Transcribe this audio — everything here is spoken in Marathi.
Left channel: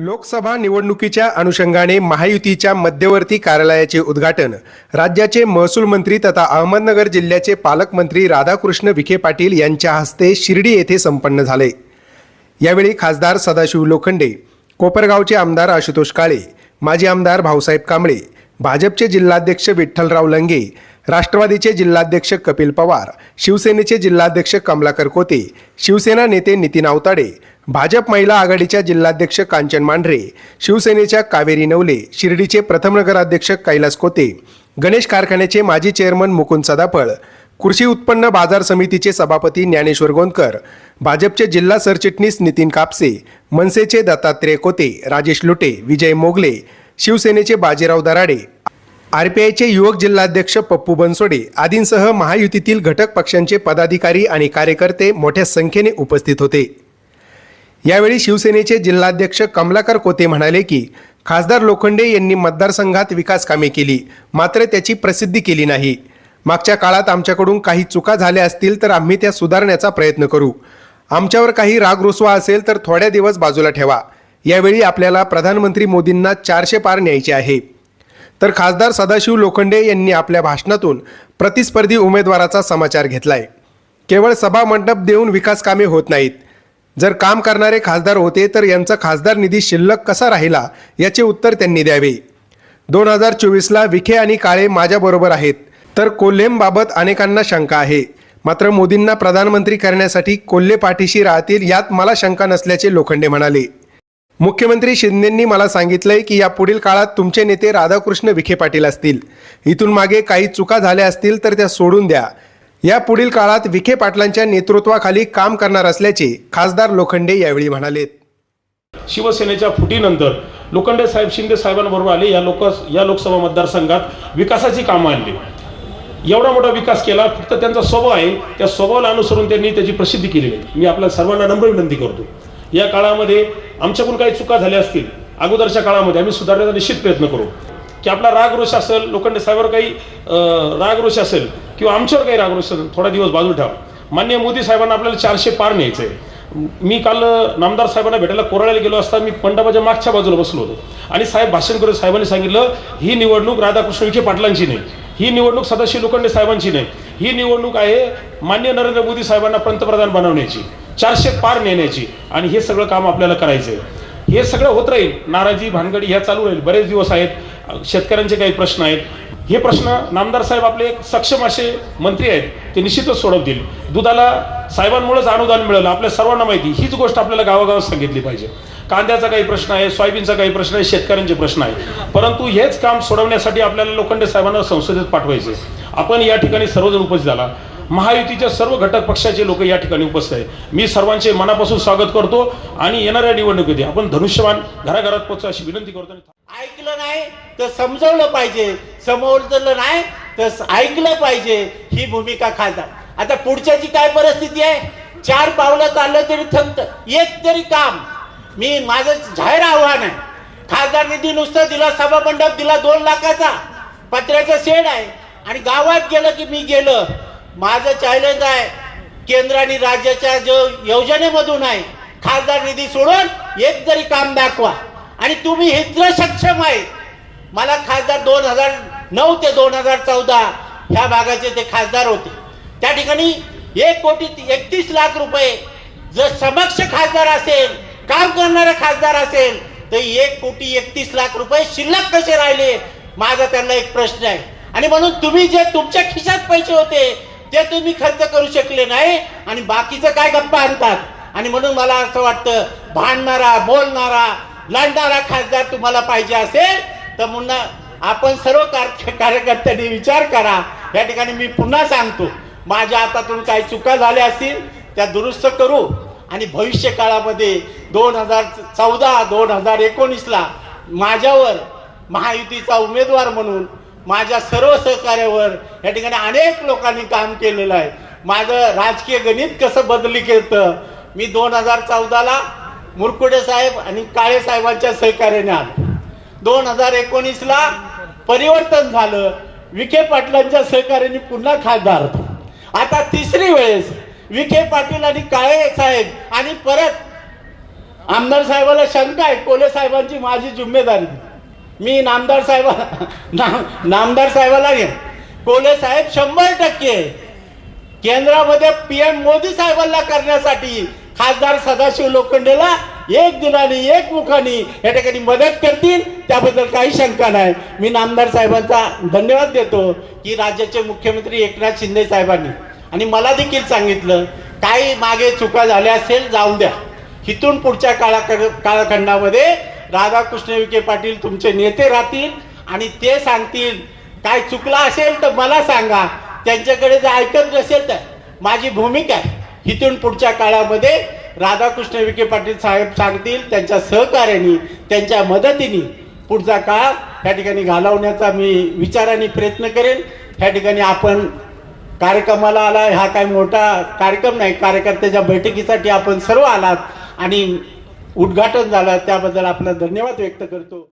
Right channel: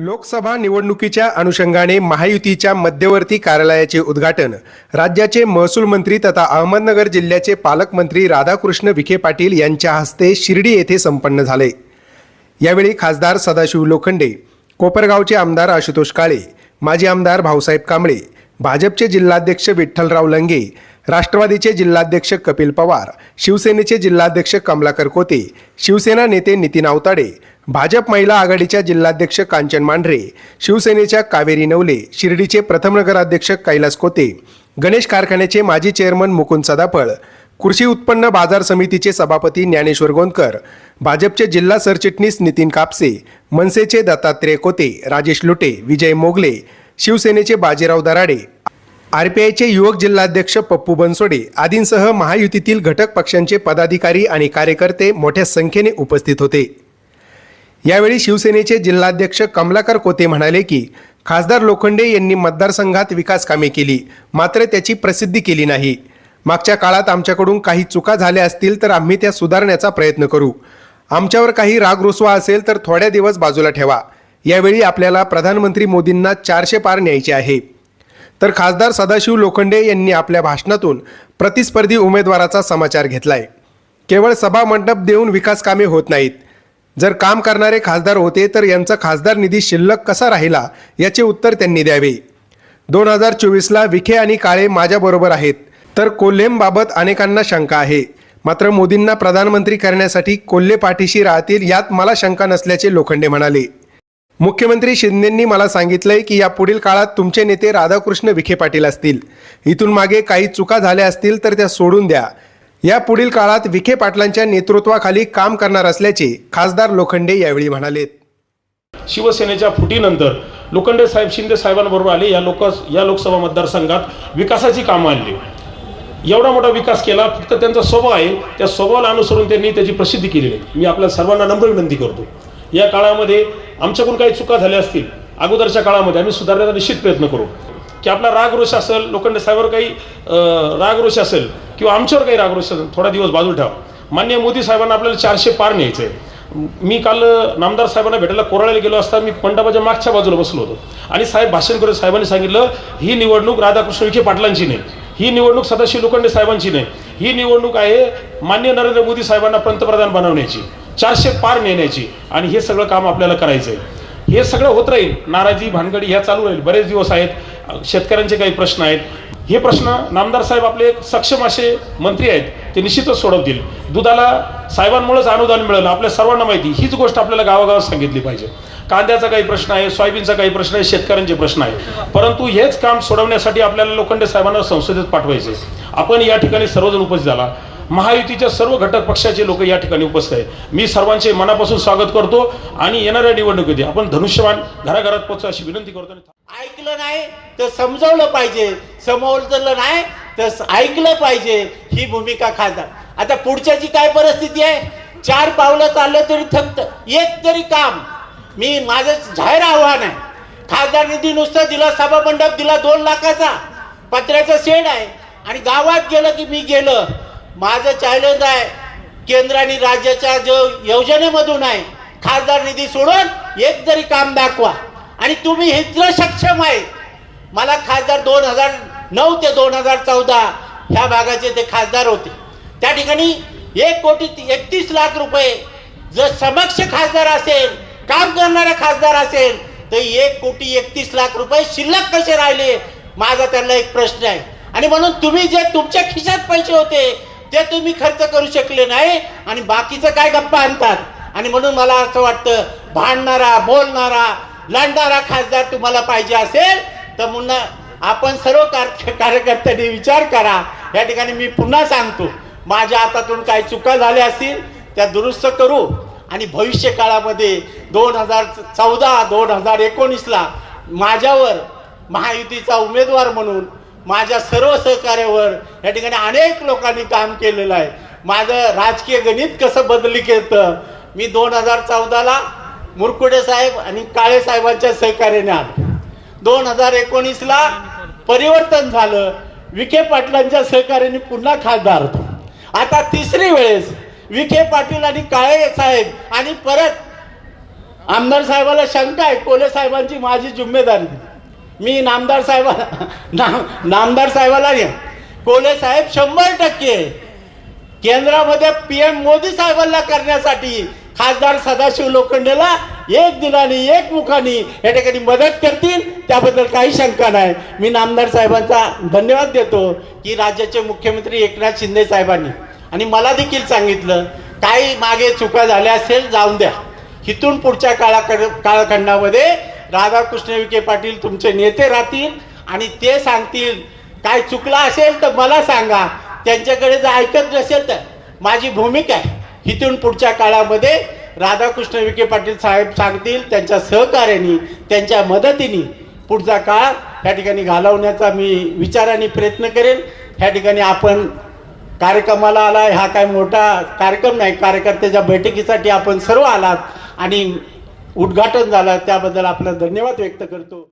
लोकसभा निवडणुकीच्या अनुषंगाने महायुतीच्या मध्यवर्ती कार्यालयाचे उद्घाटन. राज्याचे महसूल मंत्री तथा अहमदनगर जिल्ह्याचे पालकमंत्री राधाकृष्ण विखे पाटील यांच्या हस्ते शिर्डी येथे संपन्न झाले. यावेळी खासदार सदाशिव लोखंडे कोपरगावचे आमदार आशुतोष काळे माजी आमदार भाऊसाहेब कांबळे भाजपचे जिल्हाध्यक्ष विठ्ठलराव लंगे राष्ट्रवादीचे जिल्हाध्यक्ष कपिल पवार शिवसेनेचे जिल्हाध्यक्ष कमलाकर कोते शिवसेना नेते नितीन आवताडे भाजप महिला आघाडीच्या जिल्हाध्यक्ष कांचन मांढरे शिवसेनेच्या कावेरी नवले शिर्डीचे प्रथम नगराध्यक्ष कैलास कोते गणेश कारखान्याचे माजी चेअरमन मुकुंद सदाफळ कृषी उत्पन्न बाजार समितीचे सभापती ज्ञानेश्वर गोंदकर भाजपचे जिल्हा सरचिटणीस नितीन कापसे मनसेचे दत्तात्रेय कोते राजेश लुटे विजय मोगले शिवसेनेचे बाजीराव दराडे आरपीआयचे युवक जिल्हाध्यक्ष पप्पू बनसोडे आदींसह महायुतीतील घटक पक्षांचे पदाधिकारी आणि कार्यकर्ते मोठ्या संख्येने उपस्थित होते. यावेळी शिवसेनेचे जिल्हाध्यक्ष कमलाकर कोते म्हणाले की खासदार लोखंडे यांनी मतदारसंघात विकास कामे केली मात्र त्याची प्रसिद्धी केली नाही. मागच्या काळात आमच्याकडून काही चुका झाल्या असतील तर आम्ही त्या सुधारण्याचा प्रयत्न करू. आमच्यावर काही राग रुसवा असेल तर थोड्या दिवस बाजूला ठेवा. यावेळी आपल्याला प्रधानमंत्री मोदींना चारशे पार न्यायचे आहे. तर खासदार सदाशिव लोखंडे यांनी आपल्या भाषणातून प्रतिस्पर्धी उमेदवाराचा समाचार घेतलाय. केवळ सभा मंडप देऊन विकास कामे होत नाहीत. जर काम करणारे खासदार होते तर यांचा खासदार निधी शिल्लक कसा राहिला याचे उत्तर त्यांनी द्यावे. दोन हजार चोवीसला विखे आणि काळे माझ्याबरोबर आहेत. तर कोल्हेंबाबत अनेकांना शंका आहे. मात्र मोदींना प्रधानमंत्री करण्यासाठी कोल्हे पाठीशी राहतील यात मला शंका नसल्याचे लोखंडे म्हणाले. मुख्यमंत्री शिंदेंनी मला सांगितलंय की या पुढील काळात तुमचे नेते राधाकृष्ण विखे पाटील असतील. इथून मागे काही चुका झाल्या असतील तर त्या सोडून द्या. या पुढील काळात विखे पाटलांच्या नेतृत्वाखाली काम करणार असल्याचे खासदार लोखंडे यावेळी म्हणालेत. शिवसेनेच्या फुटीनंतर लोखंडे साहेब शिंदे साहेबांबरोबर आले या लोक या लोकसभा मतदारसंघात विकासाची कामं आणली. एवढा मोठा विकास केला फक्त त्यांचा स्वभाव आहे त्या स्वभावाला अनुसरून त्यांनी त्याची प्रसिद्धी केली आहे. मी आपल्या सर्वांना नम्र विनंती करतो. या काळामध्ये आमच्याकडून काही चुका झाल्या असतील अगोदरच्या काळामध्ये आम्ही सुधारण्याचा निश्चित प्रयत्न करू. की आपला राग रोष असेल लोखंडे साहेबांवर काही राग रोष असेल किंवा आमच्यावर काही राग रोष असेल थोडा दिवस बाजू ठेवा. मान्य मोदी साहेबांना आपल्याला चारशे पार न्यायचं आहे मी काल नामदार साहेबांना भेटायला कोराळ्याला गेलो असता मी मंडपाच्या मागच्या बाजूला बसलो होतो. आणि साहेब भाषण करत साहेबांनी सांगितलं ही निवडणूक राधाकृष्ण विखे पाटलांची नाही. ही निवडणूक सदाशिव लोखंडे साहेबांची नाही. ही निवडणूक आहे मान्य नरेंद्र मोदी साहेबांना पंतप्रधान बनवण्याची. चारशे पार नेण्याची आणि हे सगळं काम आपल्याला करायचंय. हे सगळं होत राहील. नाराजी भानगडी ह्या चालू राहील. बरेच दिवस आहेत. शेतकऱ्यांचे काही प्रश्न आहेत. हे प्रश्न नामदार साहेब आपले एक सक्षम असे मंत्री आहेत ते निश्चितच सोडवतील. दुधाला साहेबांमुळेच अनुदान मिळालं. आपल्या सर्वांना माहिती हीच गोष्ट आपल्याला गावागावात सांगितली पाहिजे. कांद्याचा काही प्रश्न आहे सोयाबीनचा काही प्रश्न आहे शेतकऱ्यांचे प्रश्न आहे. परंतु हेच काम सोडवण्यासाठी आपल्याला लोखंडे साहेबांना संसदेत पाठवायचे आपण या ठिकाणी सर्वजण उपस्थित झाला. महायुतीच्या सर्व घटक पक्षाचे लोक या ठिकाणी उपस्थित आहेत. मी सर्वांचे मनापासून स्वागत करतो आणि येणाऱ्या निवडणुकीत आपण धनुष्यवान घराघरात पोहोचू अशी विनंती करतो ऐकलं नाही तर समजावलं पाहिजे. समोरलं नाही तर ऐकलं पाहिजे. ही भूमिका खासदार. आता पुढच्याची काय परिस्थिती आहे? चार पावलं चाललं तरी थांबत एक तरी काम. मी माझं जाहीर आव्हान आहे. खासदार निधी नुसता दिला सभा मंडप दिला दोन लाखाचा. पत्र्याचा शेड आहे. आणि गावात गेलं की मी गेलं. माझं चॅलेंज आहे केंद्र आणि राज्याच्या जो योजनेमधून आहे खासदार निधी सोडून एक जरी काम दाखवा आणि तुम्ही इतकं सक्षम आहे. मला खासदार दोन हजार नऊ ते दोन हजार चौदा ह्या भागाचे ते खासदार होते. त्या ठिकाणी एक कोटी एकतीस लाख रुपये जर समक्ष खासदार असेल काम करणारा खासदार असेल तर एक कोटी एकतीस लाख रुपये शिल्लक कसे राहिले? माझा त्यांना एक प्रश्न आहे. आणि म्हणून तुम्ही जे तुमच्या खिशात पैसे होते ते तुम्ही खर्च करू शकले नाही आणि बाकीचं काय गप्पा आणतात? आणि म्हणून मला असं वाटतं भांडणारा बोलणारा लढणारा खासदार तुम्हाला पाहिजे असेल तर म्हणून आपण सर्व कार्यकर्त्यांनी विचार करा. या ठिकाणी मी पुन्हा सांगतो माझ्या हातातून काही चुका झाल्या असतील त्या दुरुस्त करू. आणि भविष्य काळामध्ये दोन हजार चौदा दोन हजार एकोणीसला माझ्यावर महायुतीचा उमेदवार म्हणून माझ्या सर्व सहकार्यावर या ठिकाणी अनेक लोकांनी काम केलेलं आहे. माझं राजकीय गणित कसं बदली केलं? मी दोन हजार चौदाला मुरकुडे साहेब आणि काळे साहेबांच्या सहकार्याने आलो. दोन हजार एकोणीसला परिवर्तन झालं. विखे पाटलांच्या सहकार्याने पुन्हा खासदार होतो. आता तिसरी वेळेस विखे पाटील आणि काळे साहेब आणि परत आमदार साहेबाला शंका आहे. कोले साहेबांची माझी जिम्मेदारी. मी नामदार साहेब नामदार साहेबाला घे कोले साहेब शंभर टक्के. केंद्रामध्ये पीएम मोदी साहेबांना करण्यासाठी खासदार सदाशिव लोखंडेला एक दिनाने एक मुखाने या ठिकाणी मदत करतील. त्याबद्दल काही शंका नाही. मी नामदार साहेबांचा धन्यवाद देतो की राज्याचे मुख्यमंत्री एकनाथ शिंदे साहेबांनी आणि मला देखील सांगितलं काही मागे चुका झाल्या असेल जाऊन द्या. इथून पुढच्या काळाकडे काळखंडामध्ये राधाकृष्ण विखे पाटील तुमचे नेते राहतील आणि ते सांगतील. काय चुकलं असेल तर मला सांगा. त्यांच्याकडे जर ऐकत नसेल तर माझी भूमिका आहे. इथून पुढच्या काळामध्ये राधाकृष्ण विखे पाटील साहेब सांगतील त्यांच्या सहकार्याने त्यांच्या मदतीने पुढचा काळ या ठिकाणी घालवण्याचा मी विचाराने प्रयत्न करेन. या ठिकाणी आपण कार्यक्रमाला आला हा काय मोठा कार्यक्रम नाही. कार्यकर्त्याच्या बैठकीसाठी आपण सर्व आलात आणि उद्घाटन झालं त्याबद्दल आपला धन्यवाद व्यक्त करतो.